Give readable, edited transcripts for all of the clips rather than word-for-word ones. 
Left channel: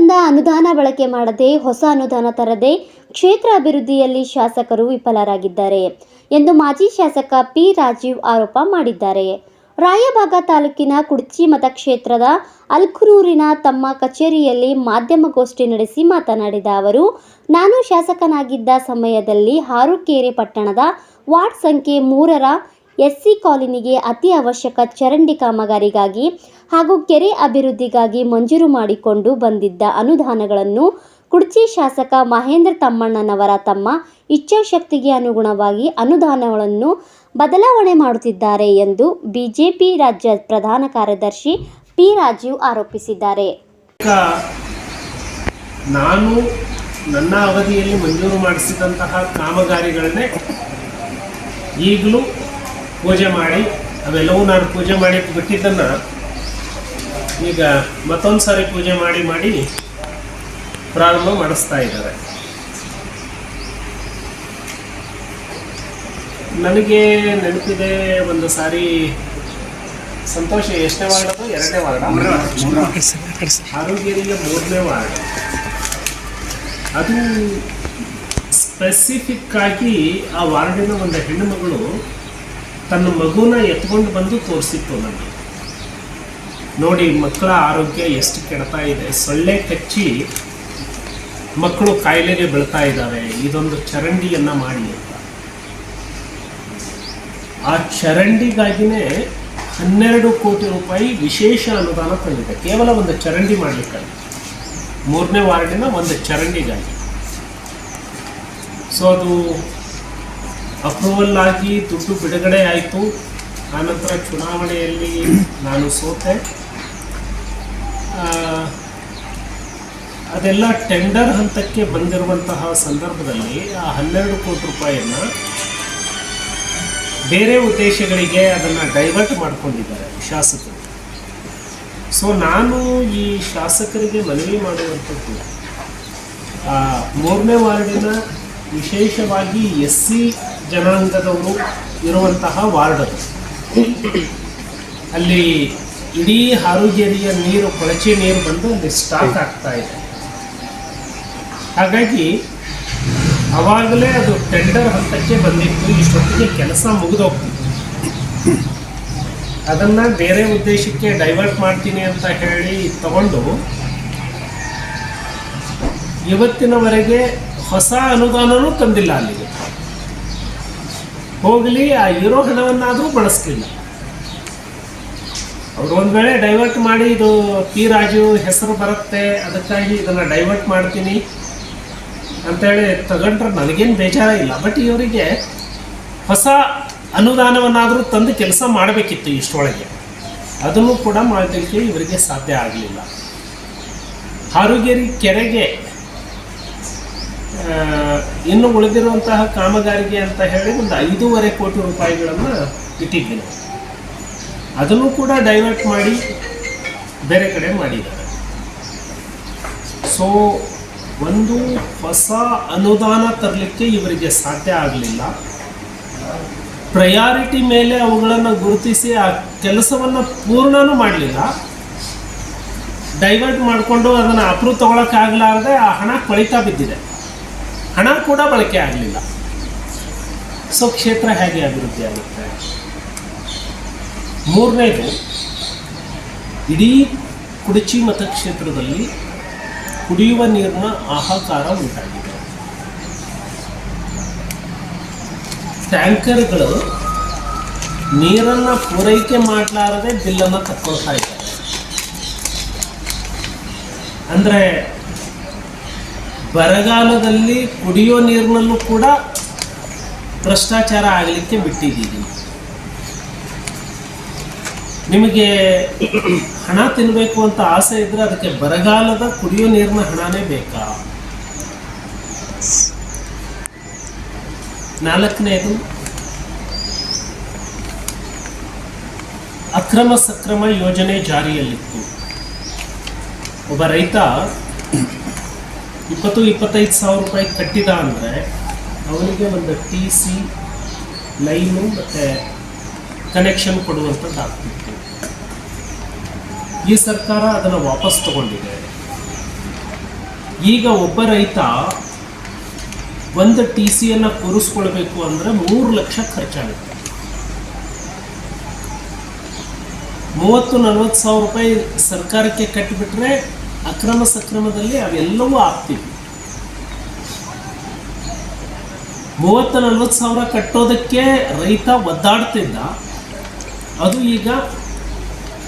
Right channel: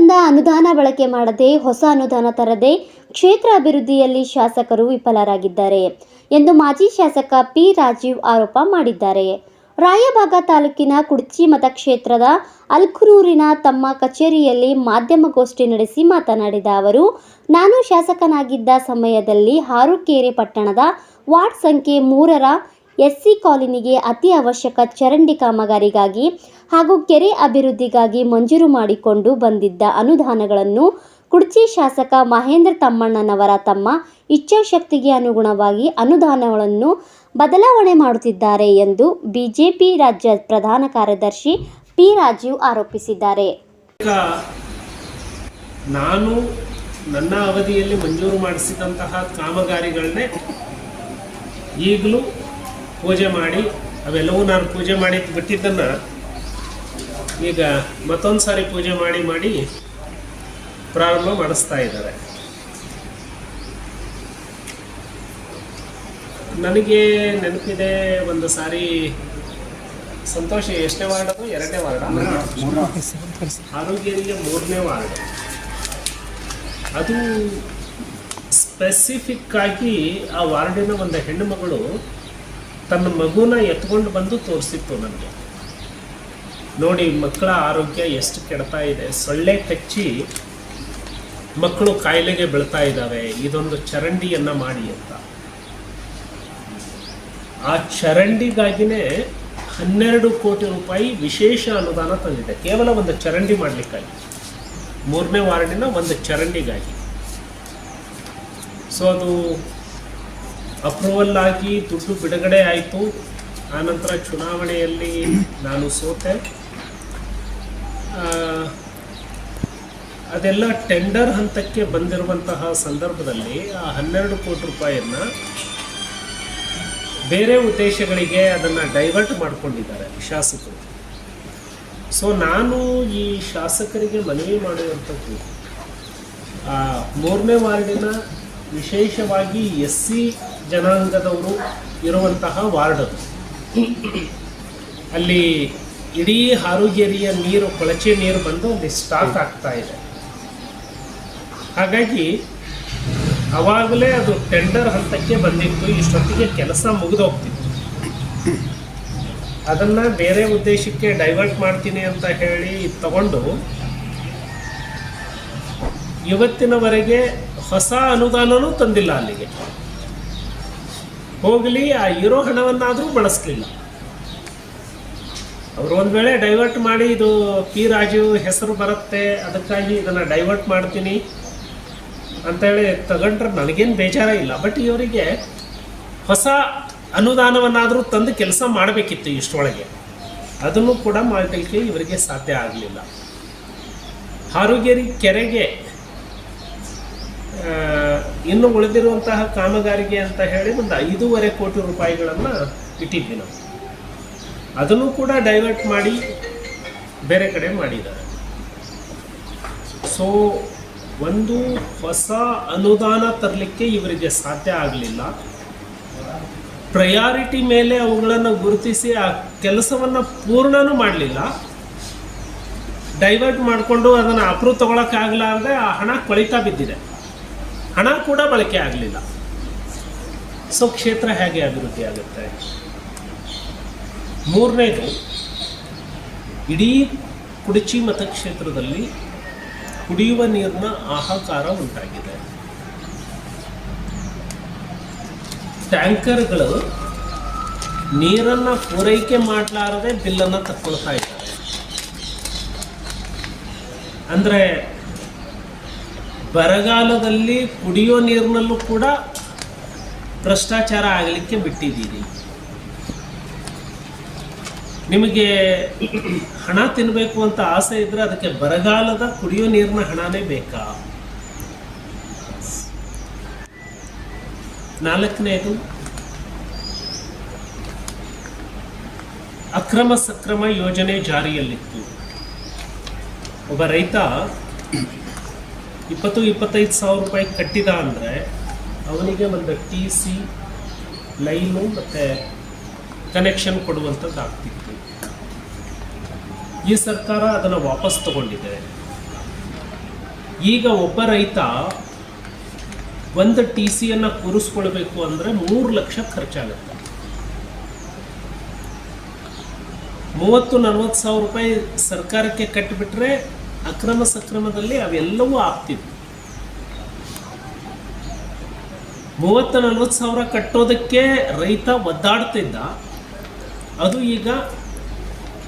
ಬಂದ ಅನುದಾನ ಬಳಕೆ ಮಾಡದೆ ಹೊಸ ಅನುದಾನ ತರದೆ ಕ್ಷೇತ್ರ ಅಭಿವೃದ್ಧಿಯಲ್ಲಿ ಶಾಸಕರು ವಿಫಲರಾಗಿದ್ದಾರೆ ಎಂದು ಮಾಜಿ ಶಾಸಕ ಪಿ ರಾಜೀವ್ ಆರೋಪ ಮಾಡಿದ್ದಾರೆ. ರಾಯಬಾಗ ತಾಲೂಕಿನ ಕುಡ್ಚಿ ಮತಕ್ಷೇತ್ರದ ಅಲ್ಕುರೂರಿನ ತಮ್ಮ ಕಚೇರಿಯಲ್ಲಿ ಮಾಧ್ಯಮಗೋಷ್ಠಿ ನಡೆಸಿ ಮಾತನಾಡಿದ ಅವರು, ನಾನು ಶಾಸಕನಾಗಿದ್ದ ಸಮಯದಲ್ಲಿ ಹಾರುಕೆರೆ ಪಟ್ಟಣದ ವಾರ್ಡ್ ಸಂಖ್ಯೆ 3ರ ಎಸ್ಸಿ ಕಾಲೋನಿಗೆ ಅತಿ ಅವಶ್ಯಕ ಚರಂಡಿ ಕಾಮಗಾರಿಗಾಗಿ ಹಾಗೂ ಕೆರೆ ಅಭಿವೃದ್ಧಿಗಾಗಿ ಮಂಜೂರು ಮಾಡಿಕೊಂಡು ಬಂದಿದ್ದ ಅನುದಾನಗಳನ್ನು ಕುಡ್ಚಿ ಶಾಸಕ ಮಹೇಂದ್ರ ತಮ್ಮಣ್ಣನವರ ತಮ್ಮ ಇಚ್ಛಾಶಕ್ತಿಗೆ ಅನುಗುಣವಾಗಿ ಅನುದಾನಗಳನ್ನು ಬದಲಾವಣೆ ಮಾಡುತ್ತಿದ್ದಾರೆ ಎಂದು ಬಿಜೆಪಿ ರಾಜ್ಯ ಪ್ರಧಾನ ಕಾರ್ಯದರ್ಶಿ ಪಿ ರಾಜೀವ್ ಆರೋಪಿಸಿದ್ದಾರೆ. ನಾನು ನನ್ನ ಅವಧಿಯಲ್ಲಿ ಮಂಜೂರು ಮಾಡಿಸಿದಂತಹ ಕಾಮಗಾರಿಗಳನ್ನೇ ಈಗಲೂ ಪೂಜೆ ಮಾಡಿ ಅವೆಲ್ಲವೂ ನಾನು ಪೂಜೆ ಮಾಡಿ ಬಿಟ್ಟಿದ್ದನ್ನು ಈಗ ಮತ್ತೊಂದು ಸಾರಿ ಪೂಜೆ ಮಾಡಿ ಪ್ರಾರಂಭ ಮಾಡಿಸ್ತಾ ಇದ್ದಾರೆ. ನನಗೆ ನೆನಪಿದೆ, ಒಂದು ಸಾರಿ ಸಂತೋಷ ಎಷ್ಟನೇ ವಾರ್ಡ್, 2ನೇ ವಾರ್ಡ್, ಹಾರುಕೆರೆಗೆ 3ನೇ ವಾರ್ಡ್. ಅದು ಸ್ಪೆಸಿಫಿಕ್ ಆಗಿ ಆ ವಾರ್ಡಿನ ಒಂದು ಹೆಣ್ಣು ಮಗಳು ತನ್ನ ಮಗುನ ಎತ್ಕೊಂಡು ಬಂದು ತೋರಿಸಿತ್ತು ನನಗೆ. ನೋಡಿ, ಮಕ್ಕಳ ಆರೋಗ್ಯ ಎಷ್ಟು ಕೆಡ್ತಾ ಇದೆ, ಸೊಳ್ಳೆ ಕಚ್ಚಿ ಮಕ್ಕಳು ಕಾಯಿಲೆಗೆ ಬೀಳ್ತಾ ಇದ್ದಾವೆ, ಇದೊಂದು ಚರಂಡಿಯನ್ನು ಮಾಡಿ ಅಂತ. ಆ ಚರಂಡಿಗಾಗಿನೇ 12 ಕೋಟಿ ರೂಪಾಯಿ ವಿಶೇಷ ಅನುದಾನ ತಂದಿದೆ, ಕೇವಲ ಒಂದು ಚರಂಡಿ ಮಾಡಲಿಕ್ಕಾಗಿ, 3ನೇ ವಾರ್ಡಿನ ಒಂದು ಚರಂಡಿಗಾಗಿ. ಸೊ ಅದು ಅಪ್ರೂವಲ್ ಆಗಿ ದುಡ್ಡು ಬಿಡುಗಡೆ ಆಯಿತು. ಆನಂತರ ಚುನಾವಣೆಯಲ್ಲಿ ನಾನು ಸೋತೆ. ಅದೆಲ್ಲ ಟೆಂಡರ್ ಹಂತಕ್ಕೆ ಬಂದಿರುವಂತಹ ಸಂದರ್ಭದಲ್ಲಿ ಆ 12 ಕೋಟಿ ರೂಪಾಯಿಯನ್ನು ಬೇರೆ ಉದ್ದೇಶಗಳಿಗೆ ಅದನ್ನು ಡೈವರ್ಟ್ ಮಾಡಿಕೊಂಡಿದ್ದಾರೆ ಶಾಸಕರು. ಸೊ ನಾನು ಈ ಶಾಸಕರಿಗೆ ಮನವಿ ಮಾಡುವಂಥದ್ದು, 3ನೇ ವಾರ್ಡಿನ ವಿಶೇಷವಾಗಿ ಎಸ್ಸಿ ಜನಾಂಗದವರು ಇರುವಂತಹ ವಾರ್ಡ್ ಅದು. ಅಲ್ಲಿ ಇಡೀ ಹಾರುಕೆರೆಯ ನೀರು, ಕೊಳಚೆ ನೀರು ಬಂದು ಅಲ್ಲಿ ಸ್ಟಾಕ್ ಆಗ್ತಾ ಇದೆ. ಹಾಗಾಗಿ ಆವಾಗಲೇ ಅದು ಟೆಂಡರ್ ಹಂತಕ್ಕೆ ಬಂದಿತ್ತು, ಇಷ್ಟೊತ್ತಿಗೆ ಕೆಲಸ ಮುಗಿದೋಗ್ತಿತ್ತು. ಅದನ್ನು ಬೇರೆ ಉದ್ದೇಶಕ್ಕೆ ಡೈವರ್ಟ್ ಮಾಡ್ತೀನಿ ಅಂತ ಹೇಳಿ ತಗೊಂಡು ಇವತ್ತಿನವರೆಗೆ ಹೊಸ ಅನುದಾನವೂ ತಂದಿಲ್ಲ ಅಲ್ಲಿಗೆ. ಹೋಗಲಿ, ಆ ಇರೋ ಹಣವನ್ನಾದರೂ ಬಳಸಲಿಲ್ಲ. ಅವರು ಒಂದು ವೇಳೆ ಡೈವರ್ಟ್ ಮಾಡಿ ಇದು ಪಿ ರಾಜು ಹೆಸರು ಬರುತ್ತೆ, ಅದಕ್ಕಾಗಿ ಇದನ್ನು ಡೈವರ್ಟ್ ಮಾಡ್ತೀನಿ ಅಂತೇಳಿ ತಗೊಂಡ್ರೆ ನನಗೇನು ಬೇಜಾರ ಇಲ್ಲ. ಬಟ್ ಇವರಿಗೆ ಹೊಸ ಅನುದಾನವನ್ನಾದರೂ ತಂದು ಕೆಲಸ ಮಾಡಬೇಕಿತ್ತು ಇಷ್ಟರೊಳಗೆ. ಅದನ್ನು ಕೂಡ ಮಾಡಲಿಕ್ಕೆ ಇವರಿಗೆ ಸಾಧ್ಯ ಆಗಲಿಲ್ಲ. ಹಾರುಕೆರೆ ಕೆರೆಗೆ ಇನ್ನು ಉಳಿದಿರುವಂತಹ ಕಾಮಗಾರಿಗೆ ಅಂತ ಹೇಳಿ ಒಂದು 5.5 ಕೋಟಿ ರೂಪಾಯಿಗಳನ್ನು ಇಟ್ಟಿದ್ವಿ ನಾವು. ಅದನ್ನು ಕೂಡ ಡೈವರ್ಟ್ ಮಾಡಿ ಬೇರೆ ಕಡೆ ಮಾಡಿದ್ದಾರೆ. ಸೊ ಒಂದು ಹೊಸ ಅನುದಾನ ತರಲಿಕ್ಕೆ ಇವರಿಗೆ ಸಾಧ್ಯ ಆಗಲಿಲ್ಲ. ಪ್ರಯಾರಿಟಿ ಮೇಲೆ ಅವುಗಳನ್ನು ಗುರುತಿಸಿ ಆ ಕೆಲಸವನ್ನು ಪೂರ್ಣನೂ ಮಾಡಲಿಲ್ಲ. ಡೈವರ್ಟ್ ಮಾಡಿಕೊಂಡು ಅದನ್ನು ಅಪ್ರೂವ್ ತಗೊಳಕ್ಕಾಗಲಾರದೆ ಆ ಹಣ ಕೊಳಿತಾ ಬಿದ್ದಿದೆ, ಹಣ ಕೂಡ ಬಳಕೆ ಆಗಲಿಲ್ಲ. ಸೊ ಕ್ಷೇತ್ರ ಹೇಗೆ ಅಭಿವೃದ್ಧಿ ಆಗುತ್ತೆ? 3ನೇದು, ಇಡೀ ಕುಡ್ಚಿ ಮತಕ್ಷೇತ್ರದಲ್ಲಿ ಕುಡಿಯುವ ನೀರಿನ ಹಾಹಾಕಾರ ಉಂಟಾಗಿದೆ. ಟ್ಯಾಂಕರ್ಗಳು ನೀರನ್ನು ಪೂರೈಕೆ ಮಾಡಲಾರದೆ ಬಿಲ್ಲನ್ನು ತಕ್ಕೊಳ್ತಾ ಇದ್ದಾರೆ. ಅಂದರೆ ಬರಗಾಲದಲ್ಲಿ ಕುಡಿಯೋ ನೀರಿನಲ್ಲೂ ಕೂಡ ಭ್ರಷ್ಟಾಚಾರ ಆಗಲಿಕ್ಕೆ ಬಿಟ್ಟಿದ್ದೀವಿ. ನಿಮಗೆ ಹಣ ತಿನ್ನಬೇಕು ಅಂತ ಆಸೆ ಇದ್ದರೆ ಅದಕ್ಕೆ ಬರಗಾಲದ ಕುಡಿಯೋ ನೀರಿನ ಹಣನೇ ಬೇಕಾ? 4ನೇದು, ಅಕ್ರಮ ಸಕ್ರಮ ಯೋಜನೆ ಜಾರಿಯಲ್ಲಿತ್ತು. ಒಬ್ಬ ರೈತ 20-25 ಸಾವಿರ ರೂಪಾಯಿ ಕಟ್ಟಿದ ಅಂದರೆ ಅವನಿಗೆ ಒಂದು TC ಲೈನು ಮತ್ತು ಕನೆಕ್ಷನ್ ಕೊಡುವಂಥದ್ದು ಆಗ್ತಿತ್ತು. ಈ ಸರ್ಕಾರ ಅದನ್ನು ವಾಪಸ್ ತಗೊಂಡಿದೆ. ಈಗ ಒಬ್ಬ ರೈತ ಒಂದು ಟಿ ಸಿಯನ್ನು ಕೂರಿಸ್ಕೊಳ್ಬೇಕು ಅಂದರೆ 3 ಲಕ್ಷ ಖರ್ಚಾಗುತ್ತೆ. 30-40 ಸಾವಿರ ರೂಪಾಯಿ ಸರ್ಕಾರಕ್ಕೆ ಕಟ್ಟಿಬಿಟ್ರೆ ಅಕ್ರಮ ಸಕ್ರಮದಲ್ಲಿ ಅವೆಲ್ಲವೂ ಆಗ್ತಿವೆ. 30-40 ಸಾವಿರ ಕಟ್ಟೋದಕ್ಕೆ ರೈತ ಒದ್ದಾಡ್ತಿದ್ದ, ಅದು ಈಗ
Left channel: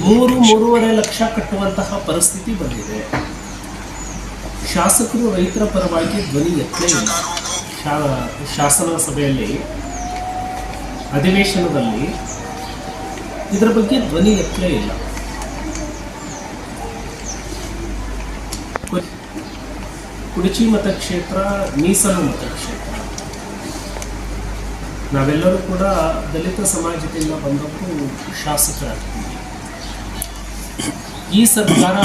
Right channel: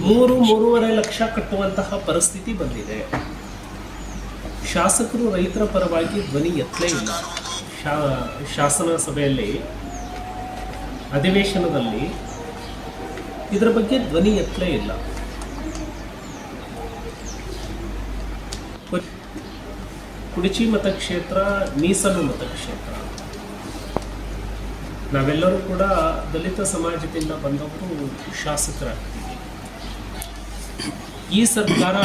3-3.5 ಲಕ್ಷ ಕಟ್ಟುವಂತಹ ಪರಿಸ್ಥಿತಿ ಬಂದಿದೆ. ಶಾಸಕರು ರೈತರ ಪರವಾಗಿ ಧ್ವನಿ ಎತ್ತಲೇ ಇಲ್ಲ. ಶಾಸನ ಸಭೆಯಲ್ಲಿ ಅಧಿವೇಶನದಲ್ಲಿ ಇದರ ಬಗ್ಗೆ ಧ್ವನಿ ಎತ್ತಲೇ ಇಲ್ಲ. ಕುಡಚಿ ಮತಕ್ಷೇತ್ರ ಮೀಸಲು ಮತಕ್ಷೇತ್ರ. ನಾವೆಲ್ಲರೂ ಕೂಡ ದಲಿತ ಸಮಾಜದಿಂದ ಬಂದವರು ಶಾಸಕರಾಗ್ತೀವಿ. ಈ ಸರ್ಕಾರ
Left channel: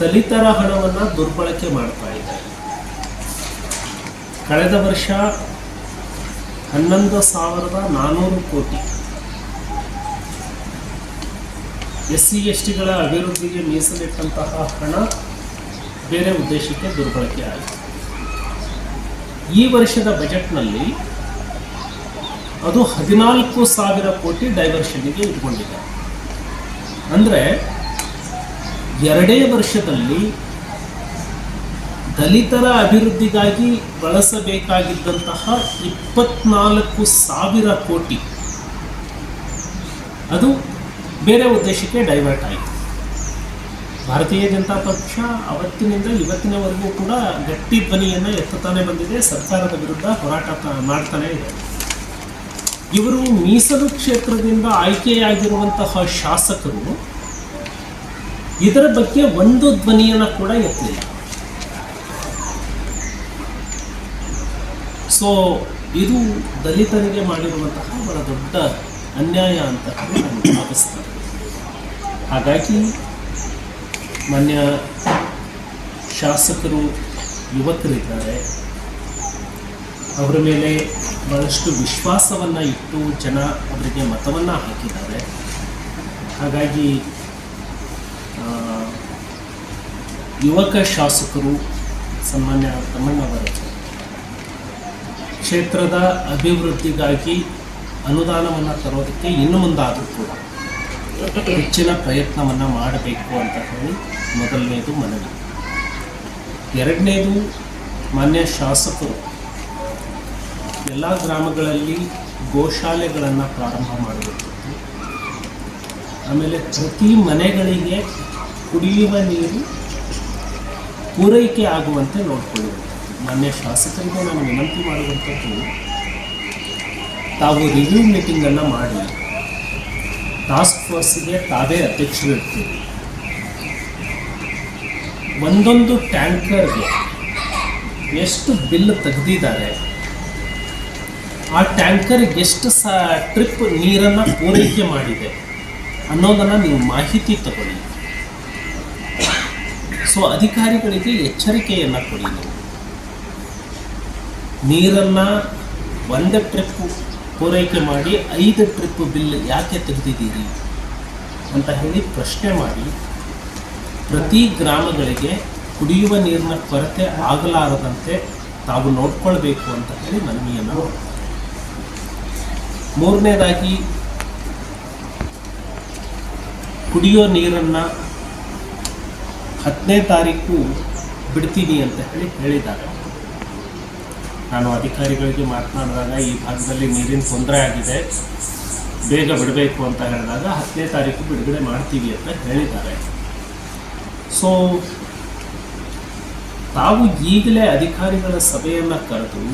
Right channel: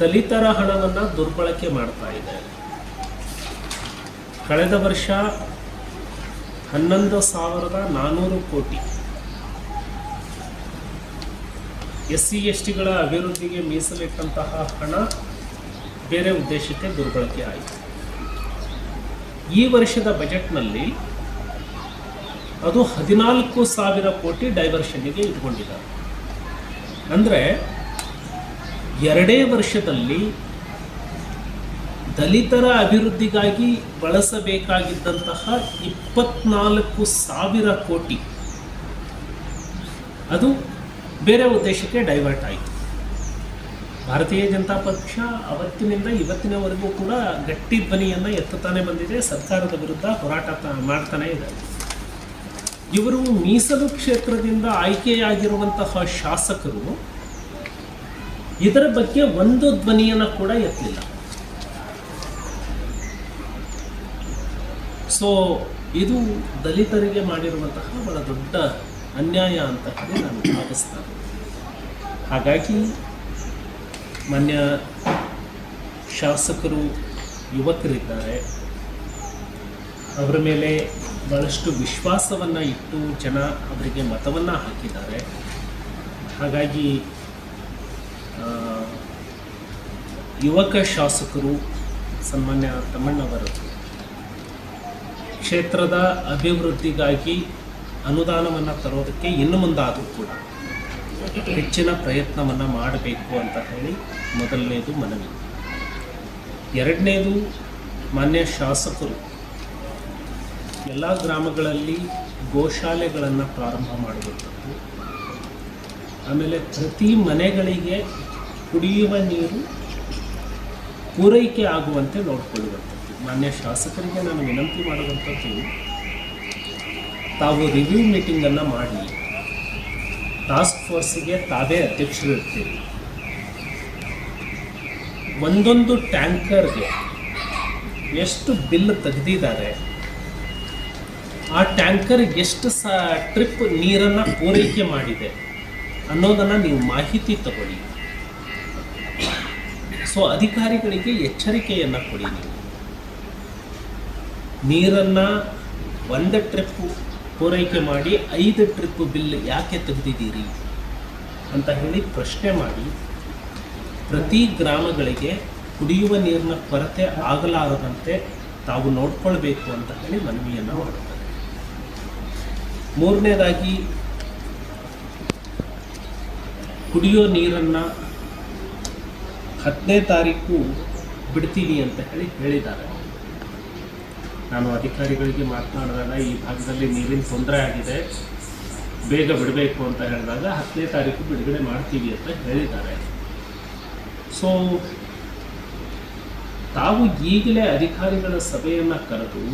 ದಲಿತರ ಹಣವನ್ನು ದುರ್ಬಳಕೆ ಮಾಡ್ತಾ ಇದೆ. ಕಳೆದ ವರ್ಷ 11,400 ಕೋಟಿ SC STಗಳ ಅಭಿವೃದ್ಧಿಗೆ ಮೀಸಲಿಟ್ಟಂತಹ ಹಣ ಬೇರೆ ಉದ್ದೇಶಕ್ಕೆ ದುರ್ಬಳಕೆ ಆಯಿತು. ಈ ವರ್ಷದ ಬಜೆಟ್ನಲ್ಲಿ ಅದು 14,000 ಕೋಟಿ ಡೈವರ್ಷನ್ಗೆ ಇಟ್ಕೊಂಡಿದ್ದಾರೆ. ಅಂದರೆ 2 ವರ್ಷದಲ್ಲಿ ದಲಿತರ ಅಭಿವೃದ್ಧಿಗಾಗಿ ಬಳಸಬೇಕಾಗಿದ್ದಂತಹ 24,000 ಕೋಟಿ ಅದು ಬೇರೆ ಉದ್ದೇಶಕ್ಕೆ ಡೈವರ್ಟ್ ಆಯಿತು. ಭಾರತೀಯ ಜನತಾ ಪಕ್ಷ ಅವತ್ತಿನಿಂದ ಇವತ್ತಿನವರೆಗೂ ಕೂಡ ಗಟ್ಟಿ ಧ್ವನಿಯನ್ನು ಎತ್ತುತ್ತಾನೆ ಬಂದಿದೆ, ಸರ್ಕಾರದ ವಿರುದ್ಧ ಹೋರಾಟ ಮಾಡ್ತಾನೆ ಇದೆ. ಇವರು ಮೀಸಲು ಕ್ಷೇತ್ರದಿಂದ ಆಯ್ಕೆಯಾಗಿರುವಂತಹ ಶಾಸಕರು ಇದರ ಬಗ್ಗೆ ಒಂದು ಧ್ವನಿಯನ್ನು ಕೂಡ ಎತ್ತಿಲ್ಲ. ಸೊ ಇದು ದಲಿತರಿಗೆ ಮಾಡಿರುವಂತಹ ಬಹಳ ದೊಡ್ಡ ಅನ್ಯಾಯ ಅಂತ ಹೇಳಿ ನಾನು ಭಾವಿಸ್ತೇನೆ. ಹಾಗಾಗಿ ಮಾನ್ಯ ಶಾಸಕರು ಯುವಕರಿದ್ದಾರೆ, ಅವರ ಮೇಲೆ ಬಹಳಷ್ಟು ವಿಶ್ವಾಸವನ್ನು ಇಟ್ಟು ಜನ ಅವರಿಗೆ ಮತವನ್ನು ಹಾಕಿದ್ದಾರೆ. ಹಾಗಾಗಿ ಯುವಕ ಶಾಸಕರು ಸನ್ಮಾನ್ಯ ತಮ್ಮಣ್ಣವರ ಕ್ಷೇತ್ರದ ಅಭಿವೃದ್ಧಿಗಾಗಿ ಅನುದಾನವನ್ನು ತರೋದಕ್ಕೆ ಇನ್ನು ಮುಂದಾದರೂ ಕೂಡ ಹೆಚ್ಚಿನ ಪ್ರಯತ್ನವನ್ನು ಮಾಡಬೇಕು ಅಂತ ಹೇಳಿ ಮೊದಲನೇದು ಮನವಿ. ಎರಡನೇದು, ಮಾನ್ಯ ಶಾಸಕರು ಎಲ್ಲ ಗ್ರಾಮಗಳಲ್ಲಿ ಗೋಶಾಲೆಗಳನ್ನು ಪ್ರಾರಂಭ ಮಾಡಬೇಕಿತ್ತು. ಆಮೇಲೆ ಪ್ರತಿ ಮನೆಗಳಿಗೆ ಕುಡಿಯುವ ನೀರು ಪೂರೈಕೆ ಆಗುವಂತೆ ನೋಡಿಕೊಳ್ಳಬೇಕು. ಮಾನ್ಯ ಶಾಸಕರಿಗೆ ನಾನು ವಿನಂತಿ ಮಾಡುವಂಥದ್ದು, ತಾವು ರಿವ್ಯೂ ಮೀಟಿಂಗನ್ನು ಮಾಡಿ ಟಾಸ್ಕ್ ಫೋರ್ಸಿಗೆ ತಾವೇ ಅಧ್ಯಕ್ಷರು ಇರ್ತೀವಿ. ಒಂದೊಂದು ಟ್ಯಾಂಕರ್ಗೆ ಎಷ್ಟು ಬಿಲ್ ತೆಗೆದಿದ್ದಾರೆ, ಆ ಟ್ಯಾಂಕರ್ ಎಷ್ಟು ಟ್ರಿಪ್ ನೀರನ್ನು ಪೂರೈಕೆ ಮಾಡಿದೆ ಅನ್ನೋದನ್ನು ನೀವು ಮಾಹಿತಿ ತಗೊಳ್ಳಿ. ಸೊ ಅಧಿಕಾರಿಗಳಿಗೆ ಎಚ್ಚರಿಕೆಯನ್ನು ಕೊಡಿ. ನೀರನ್ನು 1 ಟ್ರಿಪ್ ಪೂರೈಕೆ ಮಾಡಿ 5 ಟ್ರಿಪ್ ಬಿಲ್ ಯಾಕೆ ತೆಗೆದಿದ್ದೀರಿ ಅಂತ ಹೇಳಿ ಪ್ರಶ್ನೆ ಮಾಡಿ ಪ್ರತಿ ಗ್ರಾಮಗಳಿಗೆ ಕುಡಿಯುವ ನೀರಿನ ಕೊರತೆ ಆಗಲಾರದಂತೆ ತಾವು ನೋಡ್ಕೊಳ್ಬೇಕು ಅಂತ ಹೇಳಿ ಮನವಿಯನ್ನು. ಮೂರನೇದಾಗಿ, ಕುಡಿಯೋ ನೀರನ್ನು 10ನೇ ತಾರೀಕು ಬಿಡ್ತೀನಿ ಅಂತ ಹೇಳಿದ್ದಾರೆ. ನಾನು ಅಧಿಕಾರಿಗಳಿಗೆ ಮಾತನಾಡಿದಾಗ ಈ ಭಾಗದಲ್ಲಿ ನೀರಿನ ತೊಂದರೆ ಆಗಿದೆ, ಬೇಗ ಬಿಡಬೇಕು ಅಂತ ಹೇಳಿದಾಗ 10ನೇ ತಾರೀಕು ಬಿಡುಗಡೆ ಮಾಡ್ತೀವಿ ಅಂತ ಹೇಳಿದ್ದಾರೆ. ಸೊ ತಾವು ಈಗಲೇ ಅಧಿಕಾರಿಗಳ ಸಭೆಯನ್ನು ಕರೆದು